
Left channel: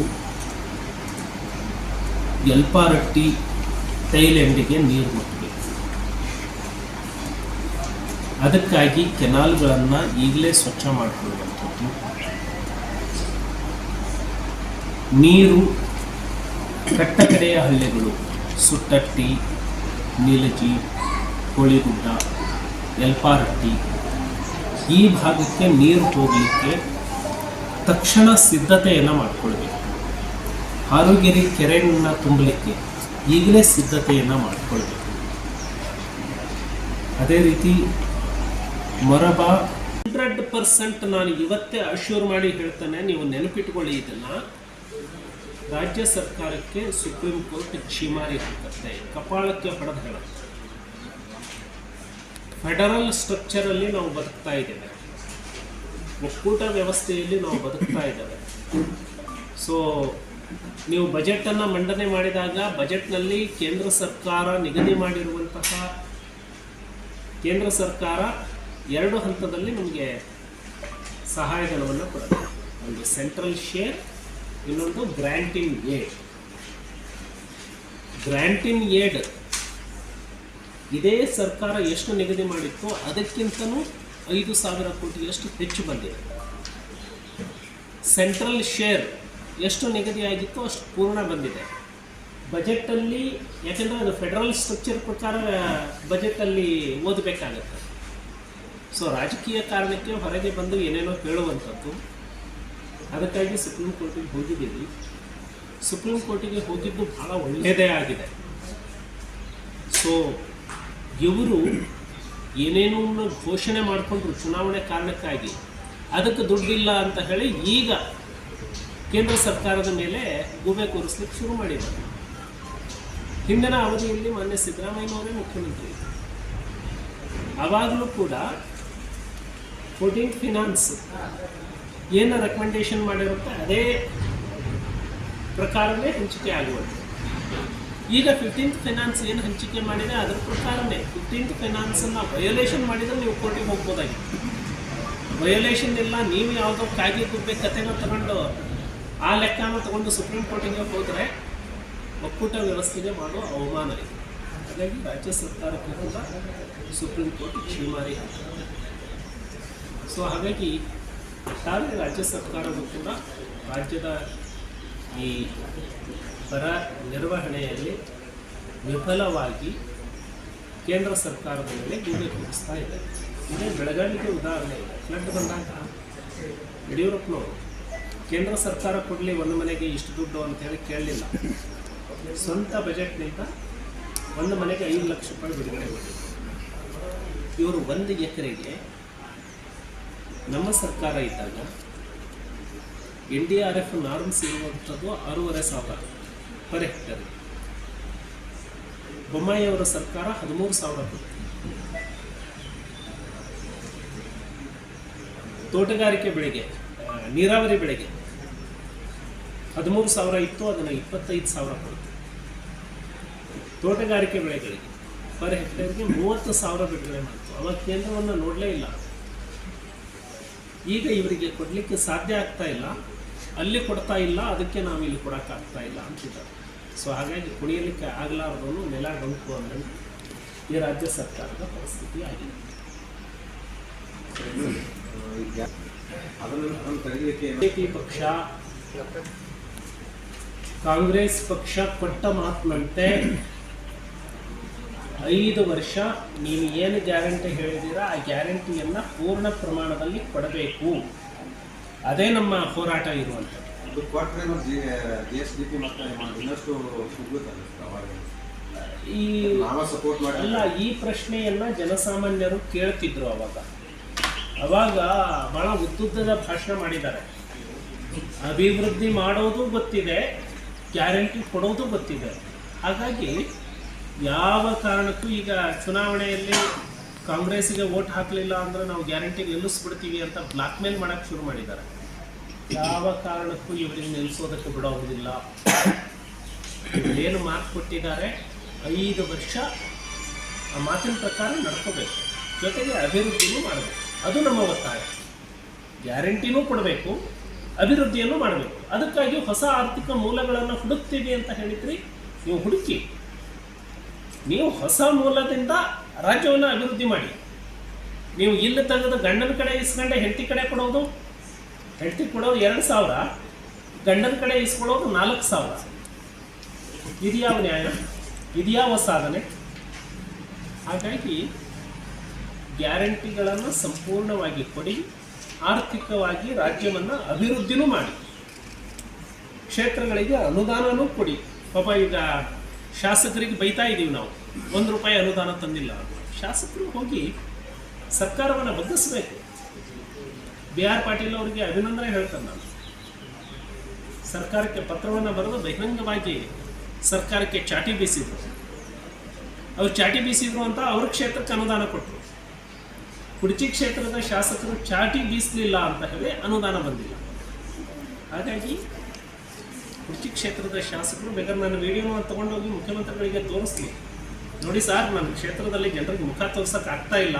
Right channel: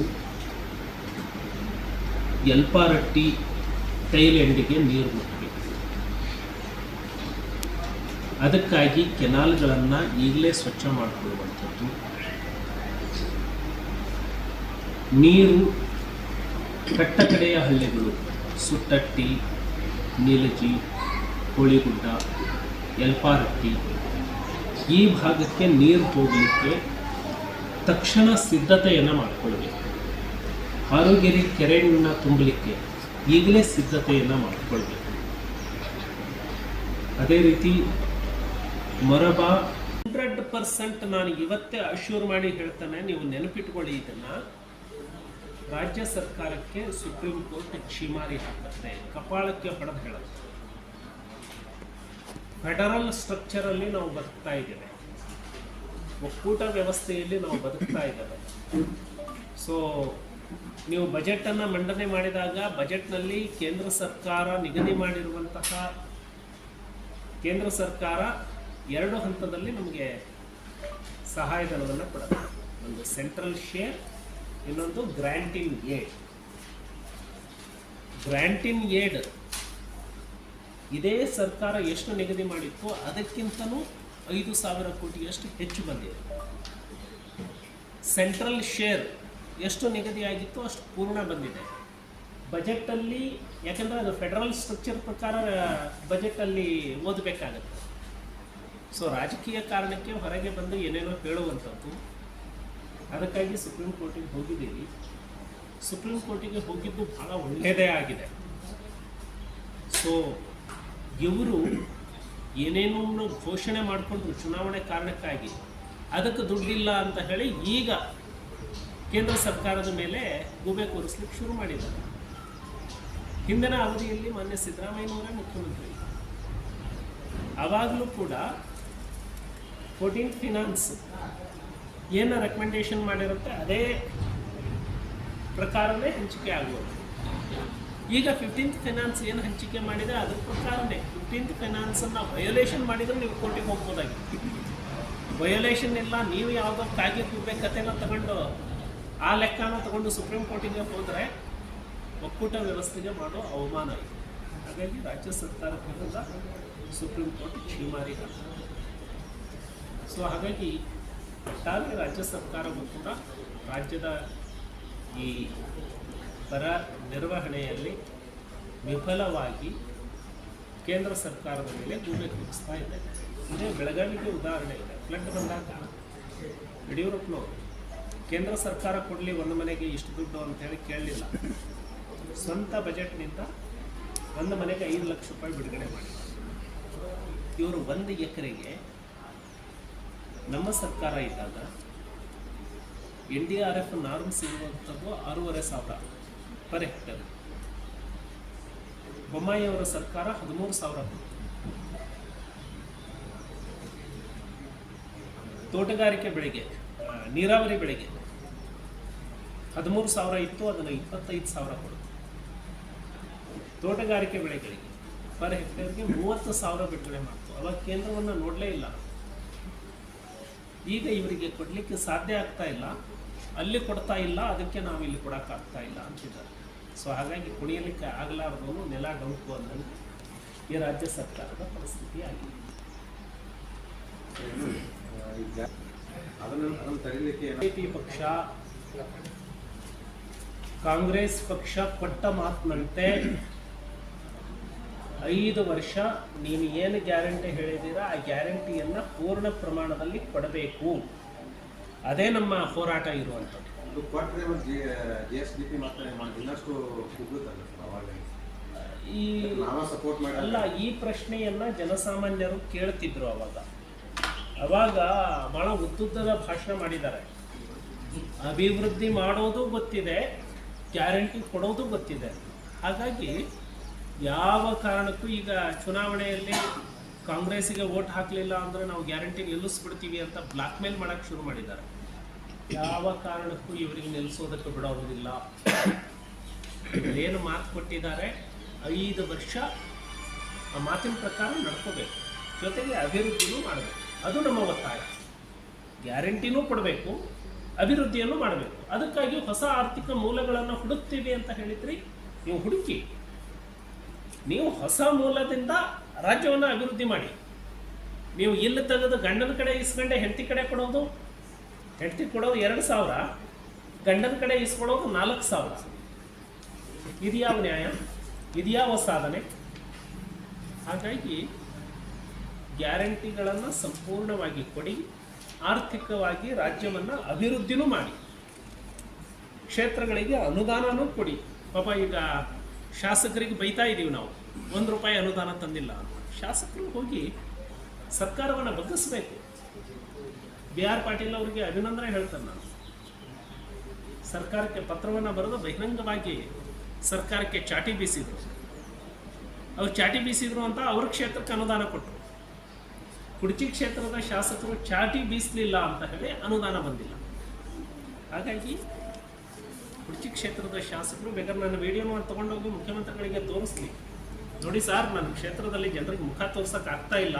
ಯಲ್ಪಾರಟ್ಟಿ ಟೈಲೆಂಡಿಗೆ ನೀರು ಮುಟ್ಟಬೇಕು. ಅದಕ್ಕಾಗಿ ಕೆನಾಲ್ಗಳನ್ನು ಈಗಲೇ ಸ್ವಚ್ಛ ಮಾಡಿಕೊಳ್ಳುವಂಥದ್ದು, ನೀರು ಕಟ್ಟಕಡೆಯ ಹಳ್ಳಿಗಳು ಸುಟ್ಟಟ್ಟಿ, ನೀಲಜಿ, ಕೋಳಿಗುಡ್ಡ, ಯಲ್ಪಾರಟ್ಟಿ ಈ ಭಾಗಕ್ಕೆ ನೀರು ಹೋಗಲಿಕ್ಕೆ ತಕ್ಷಣ ಸಿದ್ಧತೆಯನ್ನು ಮಾಡಿಕೊಳ್ಬೇಕು. ಹಾರುಗೆರೆ ಕೆರೆಯನ್ನು ತುಂಬಲಿಕ್ಕೆ ಈಗಲೇ ಸಿದ್ಧತೆಯನ್ನು ಮಾಡಿಕೊಳ್ಬೇಕು. ಅದೇ ರೀತಿ ಮೊರಬ 100% ನಾನು ಇವತ್ತೇ ಅಶ್ಯೂರ್ ಮಾಡಿ ಹೇಳ್ತಾನೆ, ನೀವು ನೆನಪಿಟ್ಕೊಳ್ಳಿ ಇದನ್ನ. ರಾಜ್ಯ ಸರ್ಕಾರಕ್ಕೆ ಸುಪ್ರೀಂ ಕೋರ್ಟ್ ಛೀಮಾರಿ ಹಾಕತ್ತೆ, ಕಪಾಳಕ್ಕೆ ಹೊಡೆದು ಹೇಳುತ್ತೆ. ಫೆಡರಲ್ ಸ್ಟ್ರಕ್ಚರಲ್ಲಿ ನಾವು ಬದುಕ್ತಾ ಇದ್ದೇವೆ, ಒಕ್ಕೂಟ ವ್ಯವಸ್ಥೆಯಲ್ಲಿ ನಾವು ಬದುಕ್ತಾ ಇದ್ದೇವೆ. ಸೊ ನೀವು ಬಜೆಟನ್ನು ಮಂಡನೆ ಮಾಡಿದಾಗ ಬಜೆಟ್ನಲ್ಲಿ ಕೇಂದ್ರ ಸರ್ಕಾರ ನಿಗದಿ ಮಾಡಿರುವಂತಹ ಕೇಂದ್ರ ಸರ್ಕಾರ 2 ಹಂತದಲ್ಲಿ ನಮಗೆ ಸಹಾಯಧನವನ್ನು ಕೊಡುತ್ತೆ. ಒಂದು ಸೆಂಟ್ರಲ್ ಶೇರ್, ಇನ್ನೊಂದು ಗ್ರ್ಯಾಂಟ್ ಇನ್ ಏಡ್. ಗ್ರ್ಯಾಂಟ್ ಇನ್ ಏಡ್ ಇದೇ ಸರ್ಕಾರ ಎಷ್ಟು ನಿಗದಿ ಮಾಡಿತ್ತು ಅದಕ್ಕಿಂತಲೂ 5,000 ಕೋಟಿಯಷ್ಟು ಹೆಚ್ಚು ಬಂದಿದೆ. ಸೆಂಟ್ರಲ್ ಶೇರ್ ಎಷ್ಟು ನಿಗದಿಯಾಗಿತ್ತು ಅಷ್ಟು ಪೂರ್ಣ ಬಂದಿದೆ. ಬಜೆಟಲ್ಲಿ, ಯಾಕೆಂದರೆ ಅದು ಫೆಡರಲ್ ಸ್ಟ್ರಕ್ಚರ್ ಪ್ರಕಾರ ಬಜೆಟಲ್ಲಿ ಓದಬೇಕಾಗತ್ತೆ. ಸೊ ರಾಜಕೀಯ ಕಾರಣಕ್ಕೆ ಹೊರಗೆ ಬಂದು ಏನೇನೋ ಹೇಳುವಂಥದ್ದು. ಅದಕ್ಕಾಗಿ ಸುಪ್ರೀಂ ಕೋರ್ಟಿಗೆ ಹೋಗಿದ್ದೀವಿ. ಸುಪ್ರೀಂ ಕೋರ್ಟಿಗೆ ಹೋಗಿದ್ದು ಭಾಳ ಒಳ್ಳೆಯದೇ ಆಗಿದೆ. ಸೊ ಇವರು ಏನೇನೋ ಘೋಷಣೆ ಮಾಡಿಕೊಂಡ್ರು ಚುನಾವಣೆ ಕಾರಣಕ್ಕಾಗಿ, ಅದಕ್ಕೆ ದುಡ್ಡಿಲ್ಲ ಅಂತ ಹೇಳಿ ಈಗ ಕೇಂದ್ರ ಸರ್ಕಾರದ ಮೇಲೆ ಗೂಬೆ ಕೂರಿಸ್ಲಿಕ್ಕೆ ಶುರು ಮಾಡಿದ್ದಾರೆ. ಹಿಂದಿನ ಅವಧಿಯಲ್ಲಿ ಮಾನ್ಯ ಸಿದ್ದರಾಮಯ್ಯನವರೇ ಮುಖ್ಯಮಂತ್ರಿ, ಆವಾಗಲೂ ಕೂಡ 14th ಫಿನಾನ್ಸ್ ಏನು ರೆಕಮೆಂಡೇಶನ್ ಮಾಡಿರುತ್ತೆ ಅದೇ ಪ್ರಕಾರವೇ ಹಂಚಿಕೆ ಆಗುವಂಥದ್ದು. ಈಗ 15th ಫಿನಾನ್ಸ್ ಏನು ಹಂಚಿಕೆ ಮಾಡಿದೆ ಅದರ ಪ್ರಕಾರವೇ 15th ಫಿನಾನ್ಸನ್ನು ವಯೋಲೇಷನ್ ಮಾಡಿದರೆ ನೀವು ಕೋರ್ಟಿಗೆ ಹೋಗ್ಬೋದಾಗಿತ್ತು. ವಯೋಲೇಷನ್ ಇಲ್ಲ, ನೀವು ಯಾವುದೋ ಕಾಗಿ ಗುಬ್ಬೆ ಕಥೆನ ತಗೊಂಡು ಆ ಲೆಕ್ಕನ ತಗೊಂಡು ಸುಪ್ರೀಂ ಕೋರ್ಟಿಗೆ ಹೋದರೆ ಒಕ್ಕೂಟ ವ್ಯವಸ್ಥೆಗೆ ಮಾಡೋ ಅವಮಾನ ಇದೆ. ಹಾಗಾಗಿ ರಾಜ್ಯ ಸರ್ಕಾರಕ್ಕೂ ಕೂಡ ಸುಪ್ರೀಂ ಕೋರ್ಟ್ ಛೀಮಾರಿ ಹಾಕಿದೆ. ಸೊ ಹಾಗಾಗಿ ಒಟ್ಟಾರೆ ರಾಜ್ಯ ಸರ್ಕಾರವು ಕೂಡ ರಾಜ್ಯದ ಈ ಬರ ನಿರ್ವಹಣೆಯಲ್ಲಿ ವಿಫಲವಾಗಿ ಕೇಂದ್ರ ಸರ್ಕಾರದ ಮೇಲೆ ಗೂಬೆ ಕೂರಿಸ್ತಾ ಇದೆ. ಇದೇ ಬೆಳಗಾವಿಗೆ ಉದಾಹರಣೆ ಇದೆ. ಫ್ಲಡ್ ಬಂದಾಗ ಯಡಿಯೂರಪ್ಪನವರು ಕೇಂದ್ರ ಸರ್ಕಾರ ಕೊಡಲಿ ಒಂದು ಮನೆಗೆ ಇಷ್ಟು ದುಡ್ಡು ಅಂತೇಳಿ ಕೇಳಲಿಲ್ಲ, ಸ್ವಂತ ಬಜೆಟ್ನಿಂದ ಒಂದು ಮನೆಗೆ 5 ಲಕ್ಷ ರೂಪಾಯಿ ಬಿಡುಗಡೆ ಮಾಡಿದರು. ಇವರು 1 ಎಕರೆಗೆ ನಮ್ಮ ಸರ್ಕಾರ ಇದ್ದಾಗ NDRF ನಾರ್ಮ್ಸ್ ಇರುವಂಥದ್ದು 6,500 ಪರ್ ಹೆಕ್ಟರ್. ಬೊಮ್ಮಾಯಿ ಅವರ ಸರ್ಕಾರ 13,000 ಕೊಟ್ಟು. ತೋಟಗಾರಿಕೆ ಬೆಳೆಗೆ, ನೀರಾವರಿ ಬೆಳೆಗೆ 13,000 ಇತ್ತು, ಅದನ್ನು 25,000 ಕೊಡ್ತು. ತೋಟಗಾರಿಕೆ ಬೆಳೆಗಳಿಗೆ ಪರ್ ಹೆಕ್ಟೇರ್ಗೆ 30,000 ಬಿಡುಗಡೆ ಮಾಡ್ತು. ಅವಾಗ ಕೇಂದ್ರವನ್ನು ನೋಡಲೇ ಇಲ್ಲ. ಈಗ ಇವರಿಗೆ ಕೊಡಲಿಕ್ಕೆ ಸಾಧ್ಯ ಆಗ್ತಾ ಇಲ್ಲ, ಅಲ್ಲಿ ಕೊಡ್ತಾ ಇಲ್ಲ, ಅದಕ್ಕೆ ನಾವು ಇಲ್ಲಿ ಕೊಡೋಕ್ಕಾಗ್ತಾ ಇಲ್ಲ ಅಂತಿದ್ದಾರೆ. ಸೊ ಹಾಗಾಗಿ ಕುಣಿಯಲಿಕ್ಕೆ ಆಗಲಾರ್ದವನು ನೆಲ ಗಂಟು ಅನ್ನೋದು ಈ ರಾಜ್ಯ ಸರ್ಕಾರದ ಪರಿಸ್ಥಿತಿ ಆಗಿದೆ. ಬಿಜೆಪಿ ಪಕ್ಷ, ಕಾಂಗ್ರೆಸ್ ಪಕ್ಷ ಕೊಟ್ಟ ಮಾತಿನಂತೆ 5 ವರ್ಷ ನೀವು ಏನು ಗ್ಯಾರಂಟಿ ಹೇಳಿದ್ದೀರಾ ಆ ಗ್ಯಾರಂಟಿಯನ್ನು ಪೂರ್ಣ ಪ್ರಮಾಣದಲ್ಲಿ ಕೊಡಬೇಕು. ಅದೇ ನಮ್ಮ ಹೋರಾಟ ಇರುವಂಥದ್ದು. ಈ ಪ್ರಶ್ನೆಯನ್ನ ಜನಸಾಮಾನ್ಯರು ಕೇಳ್ತಿದ್ರು. ಅವಾಗ ಬಹಳ ಉದ್ದುದ್ದದ ಭಾಷಣ ಮಾಡಿದ್ದಾರೆ. ಅಭಿವೃದ್ಧಿ ಮಾಡೋದು ಗೊತ್ತಿದೆ, ಗ್ಯಾರಂಟಿ ಕೊಡೋದು ಗೊತ್ತಿದೆ. ಹಾಗಾಗಿ ಯಾವ ಕಾರಣಕ್ಕೂ ಈಗ ಚುನಾವಣೆಯಲ್ಲಿ ಕಾಂಗ್ರೆಸ್ಸಿಗೆ ವೋಟ್ ಹಾಕಲಿಲ್ಲ ಅಂದ್ರೆ ನಾವು ಗ್ಯಾರಂಟಿ ನಿಲ್ಲಿಸ್ಬಿಡ್ತೀವಿ ಅಂತ ಬ್ಲಾಕ್ ಮೇಲ್ ಮಾಡೋಕ್ಕೆ ಶುರು ಮಾಡಿದ್ದಾರೆ. ಯಾವ ಕಾರಣಕ್ಕೂ ಇವರಿಗೆ ನಿಲ್ಲಿಸೋದಕ್ಕೆ ಬಿಡೋದಿಲ್ಲ. ಏನು ಮಾತು ಕೊಟ್ಟಿದ್ದಾರೆ 5 ವರ್ಷ ಆ ಮಾತಿನ ಪ್ರಕಾರ ನಡ್ಕೋಬೇಕು, ಜೊತೆಗೆ ಅಭಿವೃದ್ಧಿನೂ ಮಾಡಬೇಕು. ಅದು ನಮ್ಮ ಒತ್ತಾಯ. ಗ್ಯಾರಂಟಿನೂ ಕೊಡಬೇಕು, ಅಭಿವೃದ್ಧಿಯನ್ನು ಮಾಡಬೇಕು. ಅದಕ್ಕಾಗಿ ಹೊಸ ಆರ್ಥಿಕ ಮೂಲಗಳನ್ನು ಹುಡುಕ್ತೀವಿ ಅಂತ ಹೇಳಿದ್ರಿ. ನೀವು ಹುಡುಕಿ, ನೀವು ಹೊಸ ಮೂಲದಿಂದ ರಾಜ್ಯವನ್ನು ಅಭಿವೃದ್ಧಿ ಮಾಡಿ. ನೀವು ಇಲ್ಲಿ ತೆಗೆದು ಗಂಡನ ಕಡೆ ಇಸ್ಕೊಂಡೆ ಹೆಂಡತಿ ಕಡೆ ಕೊಡೋದು, ಹೆಂಡತಿ ಕೊಡೋದು 2,000, ಗಂಡನ ಕಡೆ ಇಸ್ಕೊಳ್ಳೋದು 4,000. ಇದು ಯಾವ ನ್ಯಾಯ? ಇದು ಯಾವ ಸಾಧನೆ? ಹಾಗಾಗಿ ಗ್ಯಾರಂಟಿಗಳನ್ನು ಸಂಪೂರ್ಣವಾಗಿ ಕೊಡಿ, ಆರ್ಥಿಕವಾಗಿ ರಾಜ್ಯವನ್ನು ಅಭಿವೃದ್ಧಿನೂ ಮಾಡಿ, ಕ್ಷೇತ್ರಗಳಿಗೆ ಅನುದಾನನೂ ಕೊಡಿ. ಪಾಪ ಈಗ ಶಾಸಕರಿಗೆ ಬೈತಾ ಇದ್ದೀವಿ ನಾವು, 1 ರೂಪಾಯಿ ಅನುದಾನ ತಂದಿಲ್ಲ. ಶಾಸಕರು ಹೋಗಿ ಸರ್ಕಾರವನ್ನು ಬಗ್ಗಿಸಬೇಕು. ಬಿ ಆರ್ ಪಾಟೀಲ್ ಅವರಿಗೆ ಅಭಿನಂದನೆ ಹೇಳ್ತೇನೆ ನಾನು. ಸರ್ಕಾರಕ್ಕೆ ಪತ್ರವನ್ನು ಬರೆದು ಬಹಿರಂಗವಾಗಿ ಸರ್ಕಾರಕ್ಕೆ ಚಾಟಿ ಬೀಸಿದ್ರು. ಅವ್ರು ಚಾಟಿ ಬೀಸಿದ್ರು ಅಂತ ಅವ್ರ ಕ್ಷೇತ್ರಕ್ಕೆ ಅನುದಾನ ಕೊಟ್ಟರು. ಕುಡಚಿ ಕ್ಷೇತ್ರದ ಶಾಸಕರು ಚಾಟಿ ಬೀಸಲಿಲ್ಲ ಅಂತ ಹೇಳಿ ಅನುದಾನ ಬಂದಿಲ್ಲ. ಹಾಗಾಗಿ ಕುಡಚಿ ಕ್ಷೇತ್ರದ ಶಾಸಕರು ಬೇಕಾದ್ರೆ ನನ್ನ ವಿಡಿಯೋ ತಗೊಂಡೋಗಿ ಮುಖ್ಯಮಂತ್ರಿಗಳಿಗೆ ತೋರಿಸ್ಲಿ, ನೋಡಿ ಸರ್, ನನ್ನ ಕ್ಷೇತ್ರದಲ್ಲಿ ಜನರಿಗೆ ಮುಖ ತೋರ್ಸಕ್ಕೆ ಆಗ್ತಾ ಇಲ್ಲ,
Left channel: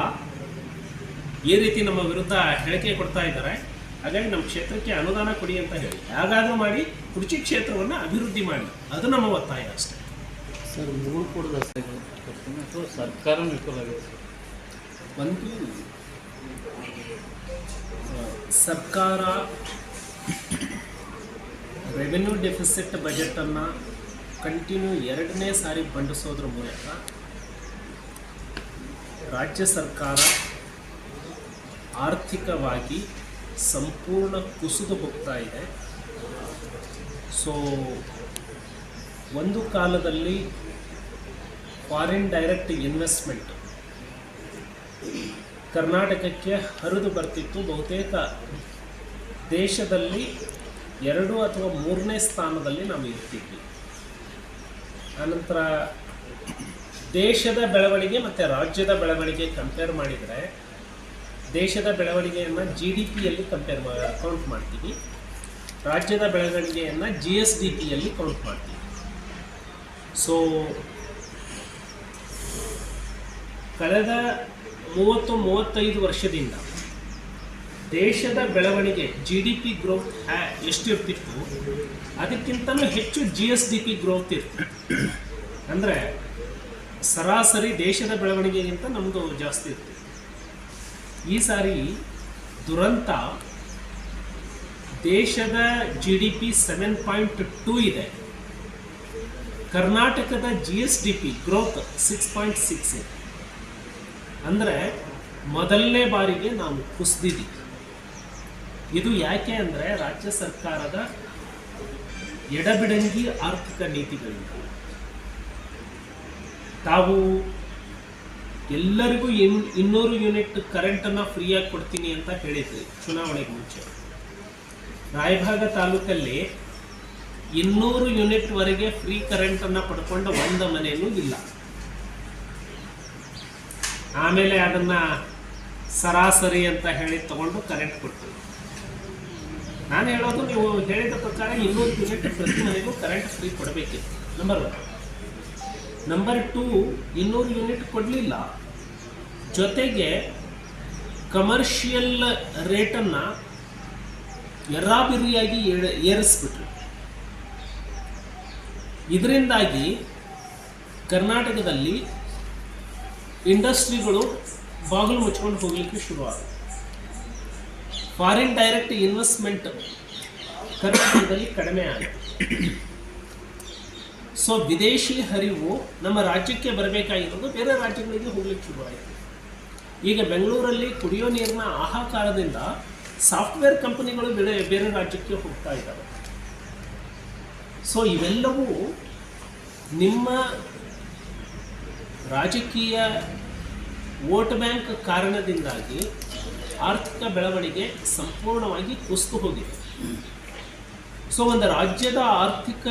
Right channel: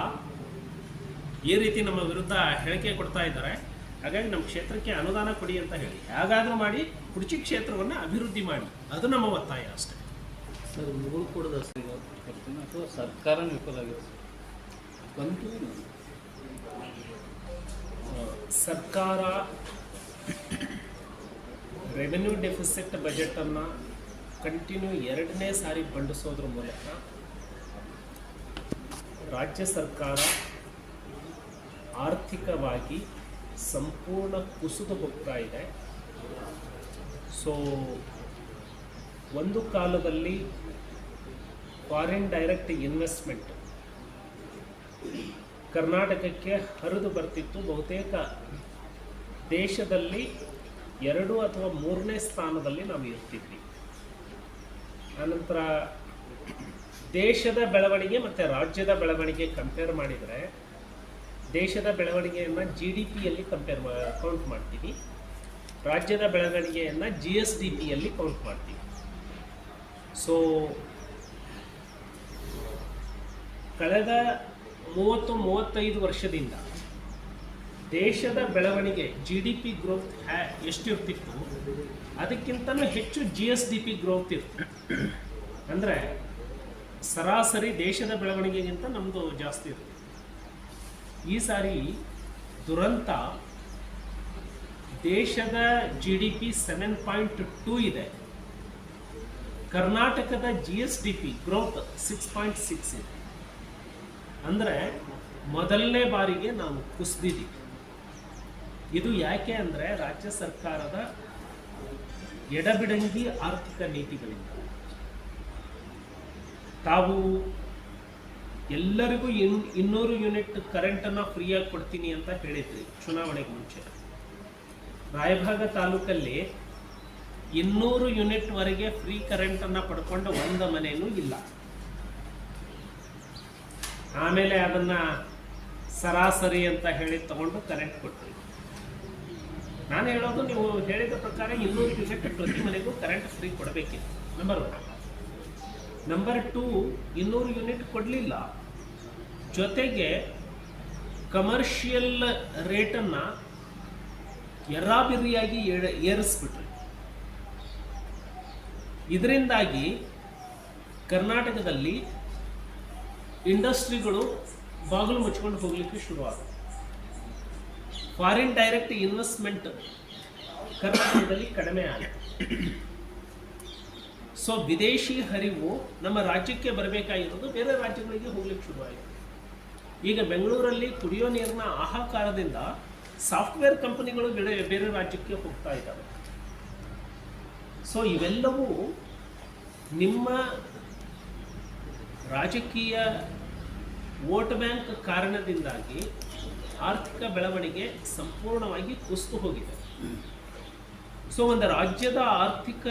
ಈ ರೀತಿ ನಮ್ಮ ವಿರುದ್ಧ ಹೇಳಿಕೆ ಕೊಡ್ತಾ ಇದ್ದಾರೆ, ಹಾಗಾಗಿ ನಮ್ಮ ಕ್ಷೇತ್ರಕ್ಕೆ ಅನುದಾನ ಕೊಡಿ ಅಂತ ಹೇಳಿ ಹೇಗಾದರೂ ಮಾಡಿ ಕುಡಚಿ ಕ್ಷೇತ್ರವನ್ನು ಅಭಿವೃದ್ಧಿ ಮಾಡಿ, ಅದು ನಮ್ಮ ಒತ್ತಾಯ ಅಷ್ಟೇ. ಸರ್, ಮೂರು ಕೂಡ ಅಥವಾ ಸರ್ಕಾರ ವಿಫಲ ಆಗಿದೆ ಸರ್. ಒಂದು ಸರ್ಕಾರ ರೆವಿನ್ಯೂ ಡೆಫಿಸಿಟ್ ಬಜೆಟನ್ನು ಕಂಟಿನ್ಯೂ 2ನೇ ಸಾರಿ ಬಂಡಿಸೋದ್ರ ಮೂಲಕ ರಾಜ್ಯ ಸರ್ಕಾರ ಆರ್ಥಿಕವಾಗಿ ಸಂಪೂರ್ಣ ಕುಸಿದು ಹೋಗ್ತಾ ಇದೆ. ಸೊ ಒಂದು ಕಾಲದಲ್ಲಿ ಫಾರಿನ್ ಡೈರೆಕ್ಟ್ ಇನ್ವೆಸ್ಟ್ಮೆಂಟ್ ಕರ್ನಾಟಕಕ್ಕೆ ಹರಿದು ಬರ್ತಿತ್ತು. ಬಹುತೇಕ ದೇಶದಲ್ಲಿ 2 ಅಥವಾ 3ನೇ ಸ್ಥಾನದಲ್ಲಿ ನಾವು ಇರ್ತಿದ್ವಿ. ಆನಂತರ ದೇಶದ ಬೆಳವಣಿಗೆ ಮತ್ತು ರಾಜ್ಯದ ಬೆಳವಣಿಗೆ ಕಂಪೇರ್ ಮಾಡಿದರೆ ದೇಶದ ಬೆಳವಣಿಗೆಯನ್ನು GDPಯಲ್ಲಿ ಕೌಂಟ್ ಮಾಡ್ತೀವಿ, ರಾಜ್ಯದ ಬೆಳವಣಿಗೆಯನ್ನು GSDPಯಲ್ಲಿ ಕೌಂಟ್ ಮಾಡ್ತೀವಿ. ಸೊ ಕಳೆದ 30-35 ವರ್ಷದಿಂದ ದೇಶದ ಬೆಳವಣಿಗೆ GDP ಗ್ರೋತ್ ಎಷ್ಟಿರ್ತಿತ್ತು ಅದಕ್ಕಿಂತಲೂ ಹೆಚ್ಚು GSDP ಗ್ರೋತ್ ಇತ್ತು. ಅಂದರೆ ಸರಾಸರಿ ದೇಶದ ಬೆಳವಣಿಗೆಗಿಂತ ನಮ್ಮದು ಜಾಸ್ತಿ ಇರ್ತಿತ್ತು. ಈ ಸಾರಿ ದುರಂತ, ದೇಶದ GDP 7.2 ಇದೆ, ಕರ್ನಾಟಕದ GSDP ಗ್ರೋತ್ 6.6 ಇದೆ. ಅಂದರೆ ಮೊದಲನೇ ಬಾರಿಗೆ ನಾವು ಕುಸಿದಿದ್ದೀವಿ. ಇದು ಯಾಕೆ ಅಂದರೆ ರಾಜ್ಯ ಸರ್ಕಾರದ ಎಡಬಿಡಂಗಿ ಆರ್ಥಿಕ ನೀತಿಗಳಿಂದ. ತಾವು ಎಲ್ಲರಿಗೂ 200 ಯೂನಿಟ್ ಕರೆಂಟನ್ನು ಫ್ರೀಯಾಗಿ ಕೊಡ್ತೀನಿ ಅಂತ ಹೇಳಿದ್ರಿ ಚುನಾವಣೆಗೆ ಮುಂಚೆ. ರಾಯಭಾಗ ತಾಲೂಕಲ್ಲಿ 200 ಯೂನಿಟ್ವರೆಗೆ ಫ್ರೀ ಕರೆಂಟನ್ನು ಪಡ್ಕೊಂಡ ಒಂದು ಮನೆಯೂ ಇಲ್ಲ. ಆಮೇಲೆ ಅದನ್ನು ಸರಾಸರಿ ಅಂತ ಹೇಳಿ ತಗೊಂಡು ಕರೆಂಟ್ ಕೊಟ್ಟರು. ನಾನು ಹೇಳೋದು, ನೀವು ಹೇಳಿದ ಪ್ರಕಾರ 200 ಯೂನಿಟ್ ಪ್ರತಿ ಮನೆಗೂ ಕರೆಂಟ್ ಫ್ರೀ ಕೊಡಬೇಕಿತ್ತು, ನಂಬರ್ 1. ನಂಬರ್ 2, 200 ಯೂನಿಟ್ ಕೊಡಲಿಲ್ಲ, ಜೊತೆಗೆ ಕಮರ್ಷಿಯಲ್ ರೇಟನ್ನು ಎರ್ರಾಬಿರಿಯಾಗಿ ಏರಿಸ್ಬಿಟ್ರು. ಇದರಿಂದಾಗಿ ಕರ್ನಾಟಕದಲ್ಲಿ ಇಂಡಸ್ಟ್ರಿಗಳು ಬಾಗಿಲು ಮುಚ್ಕೊಂಡು ಹೋಗಲಿಕ್ಕೆ ಶುರುವಾದ. ಫಾರಿನ್ ಡೈರೆಕ್ಟ್ ಇನ್ವೆಸ್ಟ್ಮೆಂಟ್ ಕರ್ನಾಟಕದಲ್ಲಿ ಕಡಿಮೆ ಆಯಿತು. ಸೊ ವಿದೇಶಿ ಹರಿವು ನಮ್ಮ ರಾಜ್ಯಕ್ಕೆ ಬರಬೇಕಾಗಿರೋದು ಬೇರೆ ರಾಜ್ಯಗಳಿಗೆ ಹೋಗ್ಲಿಕ್ಕೆ ಶುರುವಾಯಿತು. ಈಗ ಬೆಂಗಳೂರಲ್ಲಿ ಕುಡಿಯೋ ನೀರಿನ ಹಾಹಾಕಾರದಿಂದ ಸಾಫ್ಟ್ವೇರ್ ಕಂಪನಿಗಳು ಬೇರೆ ರಾಜ್ಯಕ್ಕೆ ಹೋಗ್ತಾ ಇದ್ದಾವೆ. ಸೊ ಇವೆಲ್ಲವೂ ನಿಮ್ಮ ರಾಜಕೀಯ ವೋಟ್ ಬ್ಯಾಂಕ್ ಕಾರಣದಿಂದಾಗಿ ಆರ್ಥಿಕ ಬೆಳವಣಿಗೆ ಸಂಪೂರ್ಣವಾಗಿ ಕುಸಿದು ಹೋಗಿದೆ. ಸೊ ಒಂದು ರಾಜ್ಯದ ಆರ್ಥಿಕ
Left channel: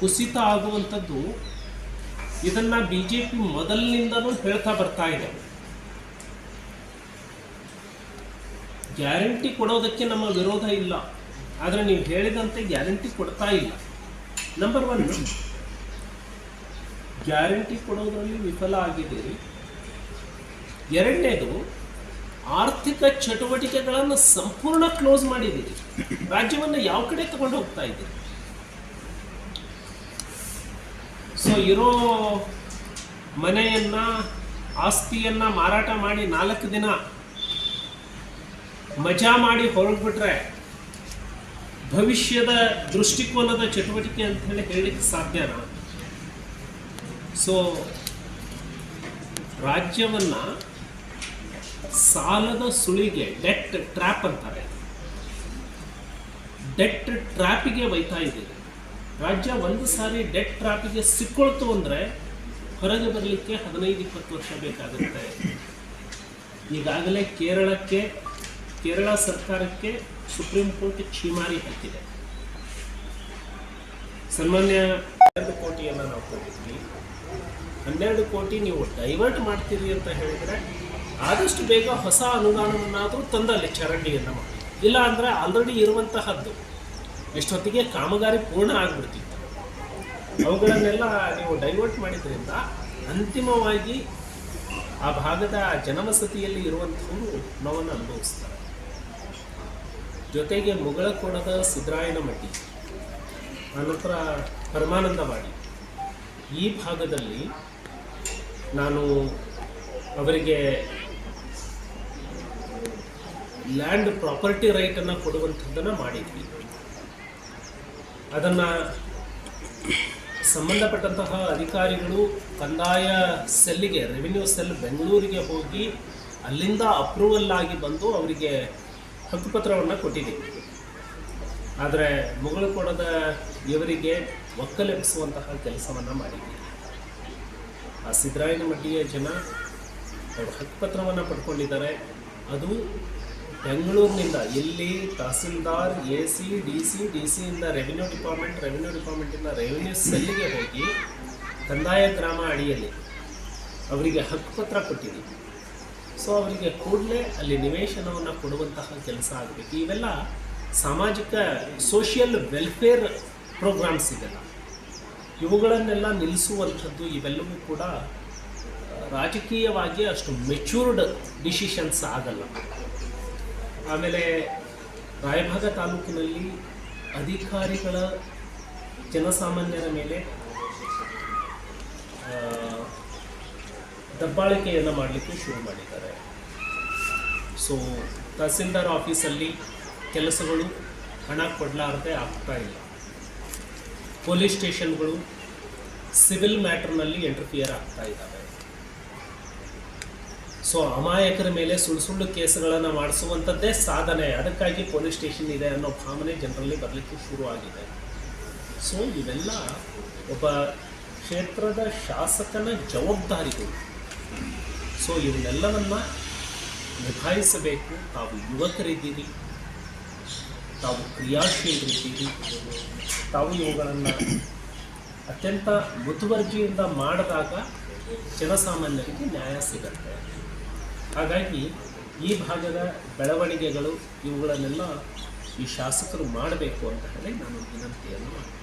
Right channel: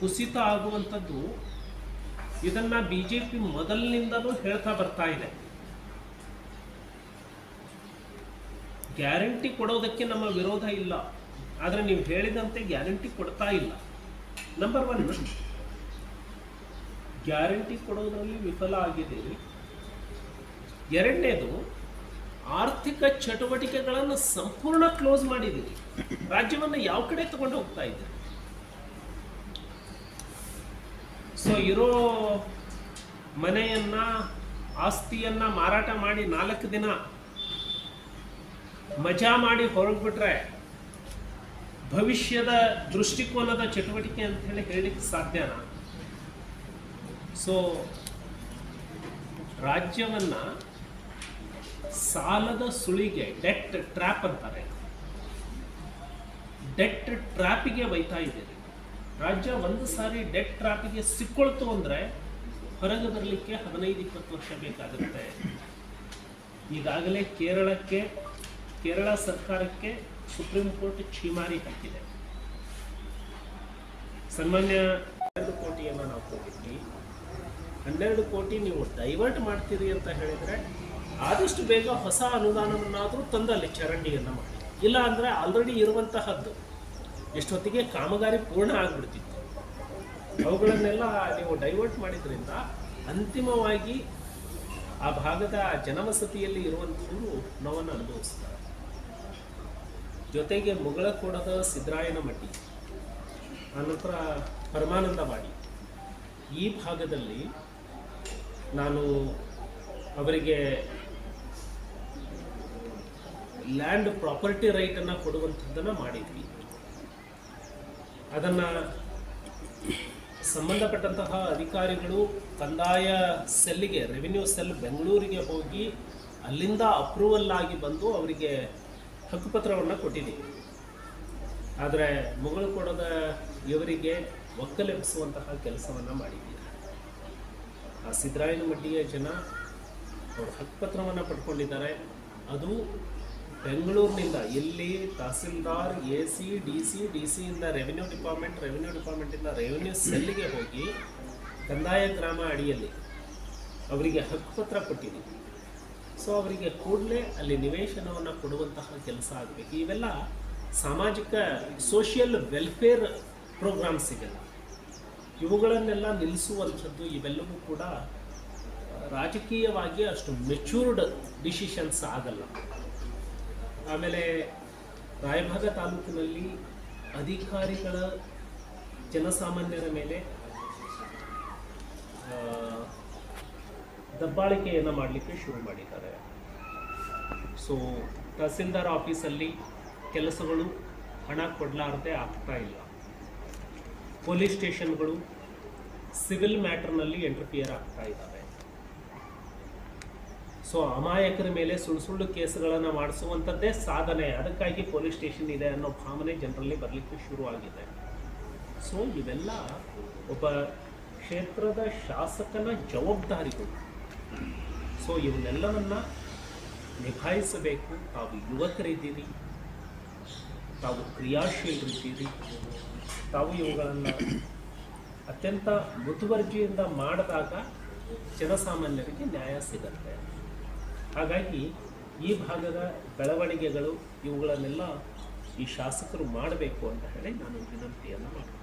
ಕುಸಿತ ಆಗುವಂಥದ್ದು ಇದನ್ನು BJP ಮೊದಲಿನಿಂದಲೂ ಹೇಳ್ತಾ ಬರ್ತಾ ಇದೆ. ಗ್ಯಾರಂಟಿ ಕೊಡೋದಕ್ಕೆ ನಮ್ಮ ವಿರೋಧ ಇಲ್ಲ, ಆದರೆ ನೀವು ಹೇಳಿದಂತೆ ಗ್ಯಾರಂಟಿ ಕೊಡ್ತಾ ಇಲ್ಲ. ನಂಬರ್ 1, ಗ್ಯಾರಂಟಿ ಕೊಡೋದ್ರಲ್ಲಿ ವಿಫಲ ಆಗಿದ್ದೀರಿ. ಎರಡನೇದು, ಆರ್ಥಿಕ ಚಟುವಟಿಕೆಗಳನ್ನು ಸಂಪೂರ್ಣ ಕ್ಲೋಸ್ ಮಾಡಿದ್ದೀರಿ. ರಾಜ್ಯವನ್ನು ಯಾವ ಕಡೆ ತಗೊಂಡು ಹೋಗ್ತಾ ಇದ್ದೀರಿ? ಸೊ ಇರೋ ಮನೆಯನ್ನ, ಆಸ್ತಿಯನ್ನ ಮಾರಾಟ ಮಾಡಿ 4 ದಿನ ಮಜಾ ಮಾಡಿ ಹೊರಗ್ಬಿಟ್ರೆ ಭವಿಷ್ಯದ ದೃಷ್ಟಿಕೋನದ ಚಟುವಟಿಕೆ ಅಂತ ಹೇಳಲಿಕ್ಕೆ ಸಾಧ್ಯನಾ? ಸೊ ರಾಜ್ಯವನ್ನ ಸಾಲದ ಸುಳಿಗೆ, ಡೆಟ್ ಟ್ರ್ಯಾಪ್ ಅಂತಾರೆ, ಡೆಟ್ ಟ್ರ್ಯಾಪಿಗೆ ಒಯ್ತಾ ಇದ್ದೀರಿ. ರಾಜ್ಯ ಒಂದು ಸಾರಿ ಡೆಟ್ ಟ್ರ್ಯಾಪಿಗೆ ಸಿಕ್ಕೊಳ್ತು ಅಂದರೆ ಹೊರಗೆ ಬರಲಿಕ್ಕೆ 15-20 ವರ್ಷ ಬೇಕಾಗುತ್ತೆ. ಈಗಾಗಲೇ ಕೇರಳ ಸರ್ಕಾರಕ್ಕೆ ಸುಪ್ರೀಂ ಕೋರ್ಟ್ ಛೀಮಾರಿ ಹಾಕಿದೆ. ಸಾಮಾನ್ಯ 12 ಕೋಟಿಯನ್ನು ನಾವು ಕೊಟ್ಟಿದ್ವಿ. 12 ಕೋಟಿ ನೀವು ಡೈವರ್ಟ್ ಮಾಡ್ತೀರಿ ಅಂತ ಹೇಳಿದರೆ ಆದಷ್ಟು ಬೇಗ ಹೊಸ ಅನುದಾನವನ್ನಾದರೂ ತಂದಲ್ಲಿ ಚರಂಡಿಯನ್ನು ಮಾಡಿ, ಇಲ್ಲ ಅಂದರೆ ಆಲ್ರೆಡಿ ಇರುವಂತಹದ್ದು ಎಷ್ಟೊತ್ತಿಗೆ ಕಾಮಗಾರಿ ಪೂರ್ಣ ಆಗಿಬಿಡ್ತಿತ್ತು. ಅವುಗಳನ್ನೆಲ್ಲ ನೀವು ಡೈವರ್ಟ್ ಮಾಡಿದ್ರಿಂದ ಅಂತಿಮವಾಗಿ ಆ ಭಾಗದ ಜನವಸತಿಯಲ್ಲಿ ಇರುವಂಥವರು ನೋವನ್ನು ಅನುಭವಿಸ್ತಾರೆ. ಜೊತೆಗೆ ಮುಗಳಕೋಣದ ಸಿದ್ದರಾಯನಮಟ್ಟಿ, ಆನಂತರ ಪರಮಾನಂದವಾಡಿ ಈ ಭಾಗದಲ್ಲಿ ನಾನು ಅವರಿಗೆ ಲ್ಯಾಂಡ್ ಪ್ರಾಪರ್ಟಿ ರೈಟನ್ನು ಕೊಡುವಂಥದ್ದನ್ನು ಮಾಡಿದ್ವಿ. ಅದನ್ನು ಸಂಬಂಧಪಟ್ಟಂತಹ ಅಧಿಕಾರಿಗಳು ಕಂದಾಯ ಸೆಲ್ಲಿಗೆ, ರೆವಿನ್ಯೂ ಸೆಲ್ ಬೆಂಗಳೂರಿಗೆ ಹೋಗಿ ಅಲ್ಲಿಂದ ಅಪ್ರೂವಲ್ ಆಗಿ ಬಂದು ಅವರಿಗೆ ಹಕ್ಕುಪತ್ರವನ್ನು ಕೊಟ್ಟಿದ್ದೀವಿ. ಆದರೆ ಮುಗಳಕೋಣದ ಇವರಿಗೆ ಒಕ್ಕಲೆಬ್ಬಿಸುವಂತಹ ಕೆಲಸವನ್ನು ಮಾಡಿದ್ದೀವಿ. ಆ ಸಿದ್ದರಾಯನಮಟ್ಟಿಯ ಜನ ಅವರು ಹಕ್ಕುಪತ್ರವನ್ನು ಪಡ್ಕೊಂಡಿದ್ದಾರೆ. ಅದು ಬೆಂಗಳೂರಿನಿಂದ ಇಲ್ಲಿ ತಹಸೀಲ್ದಾರ್, AC, DC ಇಂದ ರೆವಿನ್ಯೂ ಡಿಪಾರ್ಟ್ಮೆಂಟಿಂದ ರೆವಿನ್ಯೂ ಸೆಲ್ಲಿಗೆ ಹೋಗಿ ಕಂದಾಯ ಗ್ರಾಮ ಅಡಿಯಲ್ಲಿ ಅವರಿಗೆ ಹಕ್ಕುಪತ್ರ ಕೊಟ್ಟಿದ್ದೀವಿ. ಸೊ ಅವರಿಗೆ ಕೂಡಲೇ ಅಲ್ಲಿ ನಿವೇಶನವನ್ನು ಕೊಡುವಂತಹ ಕೆಲಸ ಆಗಬೇಕು. ಇವೆಲ್ಲ ಸಾಮಾಜಿಕ ಸೋಷಿಯಲ್ ವೆಲ್ಫೇರ್ ಪ್ರೋಗ್ರಾಮ್ಸ್ ಇದೆಲ್ಲ, ಇವುಗಳನ್ನೆಲ್ಲ ನಿಲ್ಲಿಸುವಂಥದ್ದು ಇವೆಲ್ಲವೂ ಕೂಡ ರಾಜಕೀಯವಾಗಿ ಅಷ್ಟು ಮೆಚ್ಯೂರ್ಡ್ ಡಿಸಿಷನ್ಸ್ ಆಗಲ್ಲ. ಆಮೇಲೆ ರಾಯಭಾಗ ತಾಲೂಕಿನಲ್ಲಿ ಅಧಿಕಾರಿಗಳ ಜನಸಾಮಾನ್ಯರ ಮೇಲೆ ದಬ್ಬಾಳಿಕೆಯನ್ನು ಮಾಡಲಿಕ್ಕೆ ಶುರು ಮಾಡಿದ್ದಾರೆ. ಸೊ ತಹಸೀಲ್ದಾರ್ ಆಫೀಸಲ್ಲಿ ಕೆಲಸಗಳು ಹಣ ಕೊಡಲಾರದೆ ಆಗ್ತಾ ಇಲ್ಲ. ಪೊಲೀಸ್ ಸ್ಟೇಷನ್ಗಳು ಸಿವಿಲ್ ಮ್ಯಾಟರ್ನಲ್ಲಿ ಇಂಟರ್ಫಿಯರ್ ಆಗ್ತಾ ಇದ್ದಾವೆ. ಸೊ ಅಮಾಯಕರ ಮೇಲೆ ಸುಳ್ಳು ಕೇಸುಗಳನ್ನು ಮಾಡಿಸುವಂಥದ್ದೇ ಸಾಧನೆ, ಅದಕ್ಕಾಗಿ ಪೊಲೀಸ್ ಸ್ಟೇಷನ್ ಇದೆ ಅನ್ನೋ ಭಾವನೆ ಜನರಲ್ಲಿ ಬರಲಿಕ್ಕೆ ಶುರುವಾಗಿದೆ. ಸೊ ಇವೆಲ್ಲ ಒಬ್ಬ ಕ್ಷೇತ್ರದ ಶಾಸಕನ ಜವಾಬ್ದಾರಿಗಳು. ಸೊ ಇವನ್ನೆಲ್ಲವನ್ನು ನಿಭಾಯಿಸಬೇಕು. ತಾವು ಯುವಕರಿದ್ದೀರಿ, ತಾವು ಕ್ರಿಯಾಶೀಲರಿದ್ದೀರಿ, ತಾವು ಇವುಗಳನ್ನು ಅತ್ಯಂತ ಮುತುವರ್ಜಿಯಿಂದ ಮಾಡಿದಾಗ ಜನಸಾಮಾನ್ಯರಿಗೆ ನ್ಯಾಯ ಸಿಗುತ್ತೆ. ಹಾಗಾಗಿ ಈ ಭಾಗದ ಬೆಳವಣಿಗೆಗಳು ಇವುಗಳನ್ನೆಲ್ಲ ಈ ಶಾಸಕರು ಮಾಡಬೇಕು ಅಂತ ಹೇಳಿ ನಾನು ವಿನಂತಿಯನ್ನು ಮಾಡ್ತೀನಿ.